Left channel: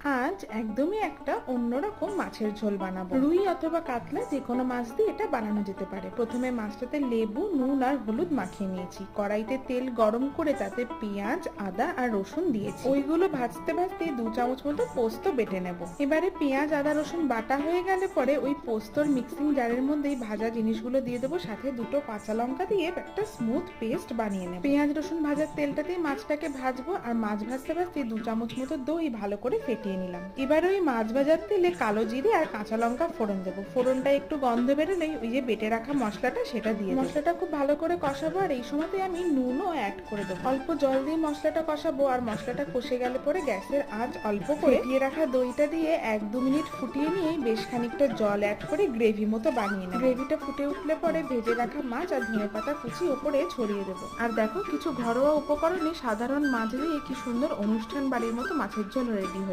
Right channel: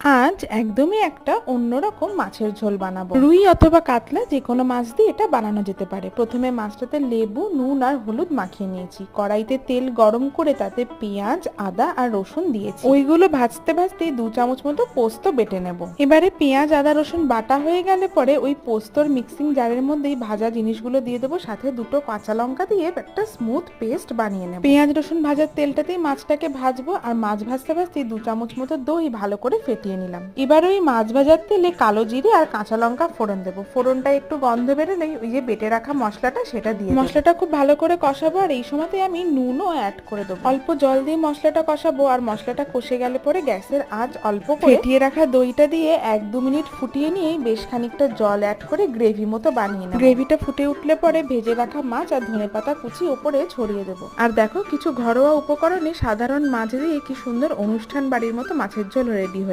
আজ একদমই একটা অন্যরকম মাছের ঝোল বানাবো। রুই অথবা কাতলা যে কোনো মাছ দিয়ে এটা বানানো যেতে পারে। প্রথমে মাছটাতে লেবু, নুন আর হলুদ মাখিয়ে নিয়েছি। কড়াইতে তেল গরম করে তাতে পেঁয়াজ, আদা আর রসুন দিয়েছি। ওইগুলো ভাজতে ভাজতে 2 চামচ মতো পোস্ত বেটে নেব। এবারে পেঁয়াজ, আদা, রসুন বাটা হয়ে গেলে পরে ওই পোস্তর মিক্সিং জারের মধ্যেই ভাজা জিনিসগুলো দিয়ে দেবো, সাথে 2টো কাঁচা লঙ্কা দিয়ে একটা স্মুথ পেস্ট বানিয়ে নেব। পেঁয়াজ, রসুন ভাজার তেলটাতেই মাছটাকে ভাজবো, আর মাছ ভাজতে ভাজতে 2 চামচ মতো দই ভালো করে ফেটিয়ে নিলাম। এবার ওই মাছ ভাজার তেলে কালো জিরে আর কাঁচা লঙ্কা ফোড়ন দেবো। ফোড়নটা একটু গন্ধ বেরোলেই ওই যে বেটে রাখা মশলাটা সেটা দিয়ে মশলাটা খুব ভালো করে কষাবো, আর এই সময়তে আমি নুনও অ্যাড করে দেবো। অল্প জল দিয়ে মশলাটা কষাবো, আর মশলাটা কষে গেলে পরে গ্যাসের আঁচ অল্প করে ফেটিয়ে রাখা দইটা দিয়ে 1-2 মিনিট ফুটিয়ে নিয়েই বেশ খানিকটা জল অ্যাড করে গ্রেভি মতো বানিয়ে নেব। গ্রেভিটা ফুটে উঠলে পরে ভেজে রাখা মাছ আর ধনেপাতা কুচি ওপরে ছড়িয়ে দেবো। আর দেখো, কিছু ঘরোয়া উপকরণে সাধারণ মাছ দিয়ে কি সুন্দর অনুষ্ঠান বাড়ির মতো মাছের ঝোল রেডি হয়ে